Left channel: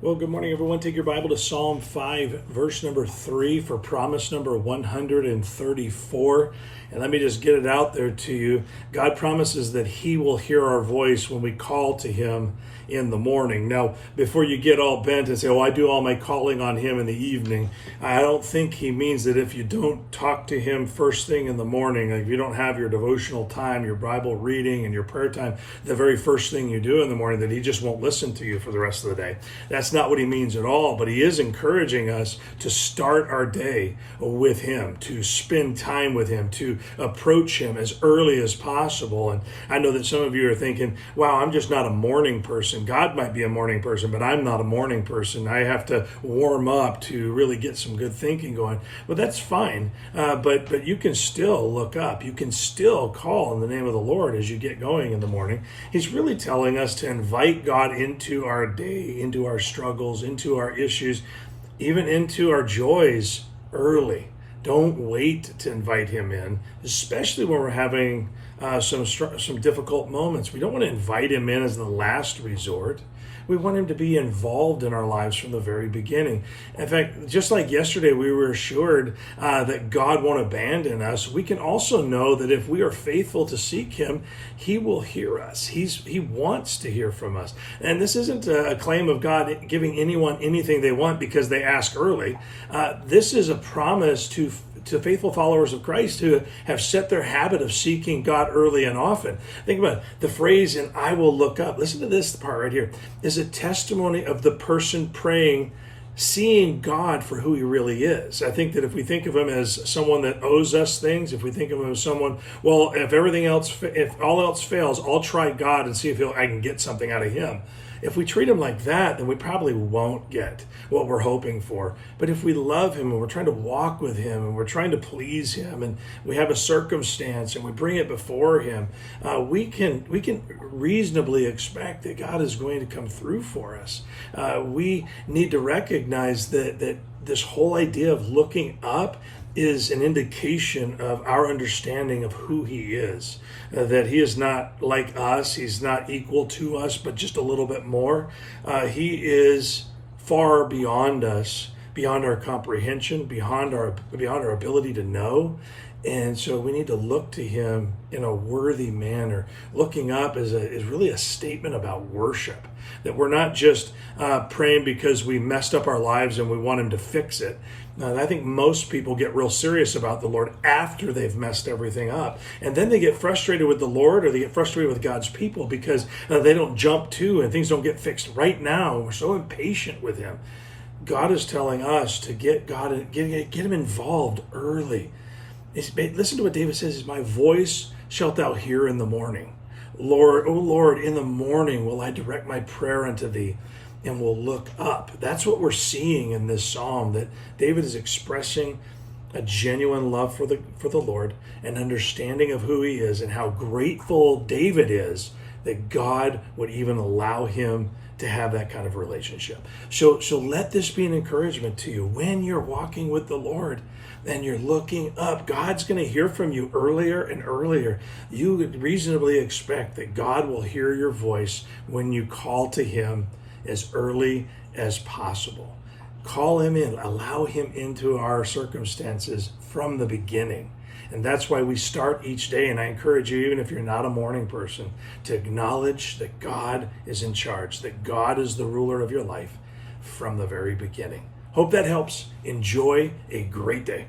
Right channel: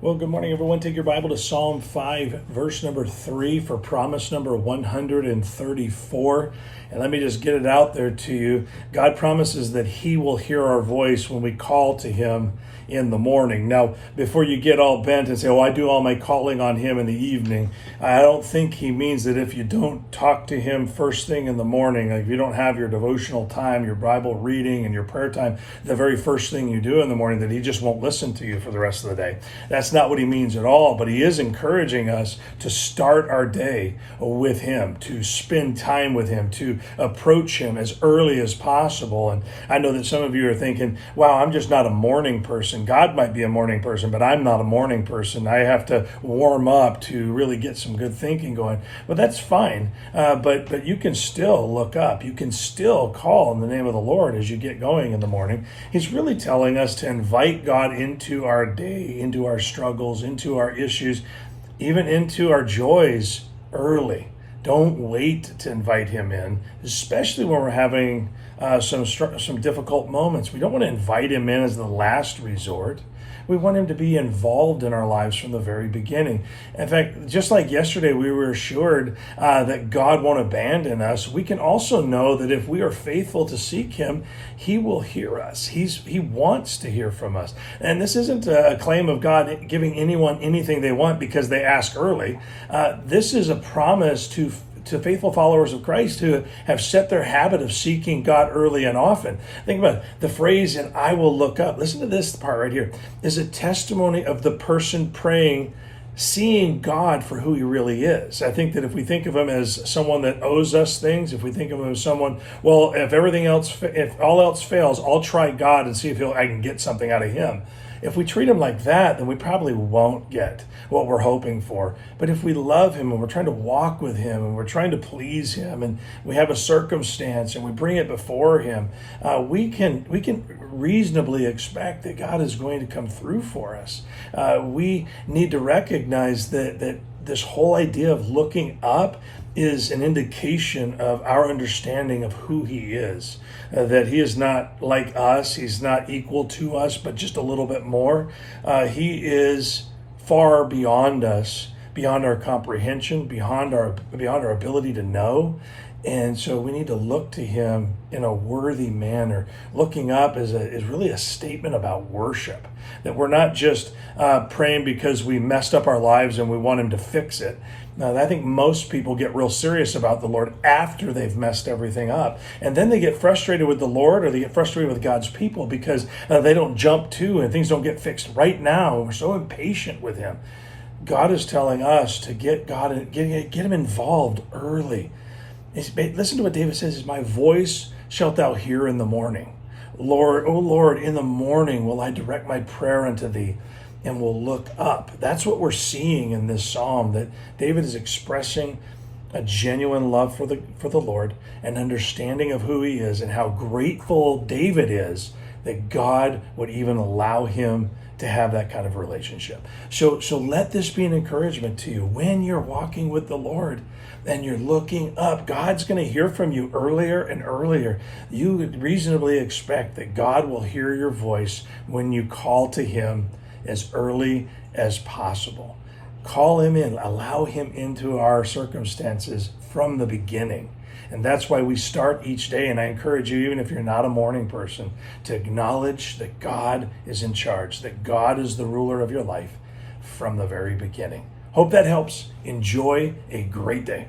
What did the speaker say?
Well, good morning, everyone. Take your Bible to Psalm 5, verse number 3 for promise number 134. And let me just get it out there to you. God promises that He will hear our voice when we call to Him in the morning. Now, before you get all bent and say, I do all my calling on Him in the evening, I don't think He means that if you don't talk to Him first thing in the morning, like if you don't have your devotional time, your Bible reading, and your prayer time, the very first thing you do in the morning, that He just won't listen to you for the rest of the day. That's not what He means at all, but He is encouraging us to start our day with Him, to spend time with Him, to approach Him as early as possible. And I know that some of you are thinking, wow, I'm just not a morning person. God might be a morning person, but I'm not a morning person. I have to warm up to really get some good thinking going. Well, that's fine, but you can still look up. You can still call in the name of the Lord as you get going in the morning. He's really telling us to invite God into our day, into our struggles, into our issues, even into our joys early. Don't wait to invite Him in, especially when we're having some difficult moments. We don't want to invite Him in as the last resort. We want Him to be involved in our lives from the very beginning. In fact, just like yesterday, we were assured that God won't abandon us. We can also know that if we are faithful to seek Him, He will hear us. He wants to hear from us. And this isn't a claim of God giving anyone anything they want because they ask early. This is a promise to faithful followers of Christ who have set their habit of seeking God early and often. Think about it. The phrase, "and I will look up." Listen to this part right here. Is a testimony of the person praying, seeing God for who He really is. I think that if we think of Him as someone that owes us things, if we think of Him as someone, well, if all else fails, I'll try God and see if I can get something out of Him. If we treat Him like that, then we probably won't get what we're hoping for. But if we love Him and we're trying to walk with Him and we're trying to please Him and we have a circumstance and we bring it before Him, we can reasonably expect that God is going to come through for us. We need to recognize that this whole idea of looking up is an indication of our understanding of who He is, that He is not like us, He's not equal to us, but just a little bit more. He is far beyond us, beyond our comprehension, beyond our ability to know. And so we need to look to Him in a worthy manner. Looking up is really a statement about worship, that we're not just praying because we messed up our lives and we want Him to fix it. Now, I think most people get real serious about the Lord after they've messed everything up. And then they get frustrated with the Lord, or they get frustrated with God's people because they don't jump to and things don't get fixed right now. We're so impatient with Him. God is telling us to get Him involved early. Listen to what David says, "My voice shalt thou hear in the morning. Lord, O Lord, in the morning will I direct my prayer unto Thee, and will look up." That's what we're seeing in this psalm, that David is expressing a genuine love for the Lord, an understanding of who He is, and how grateful David is that God would even allow him to have that kind of relationship. So let this be an encouragement to you. When you're walking with the Lord and you're looking up, God's going to hear from you earlier and earlier. You would reasonably expect that God will hear your voice when you call to Him as early as possible. Call Him in, allow Him into our circumstances from the beginning. And that's why we start each day. And I encourage you, even if you're not a morning person, to acknowledge that God is in charge, that God is the ruler of your life from the very beginning. Hope that helps. Enjoy a great day.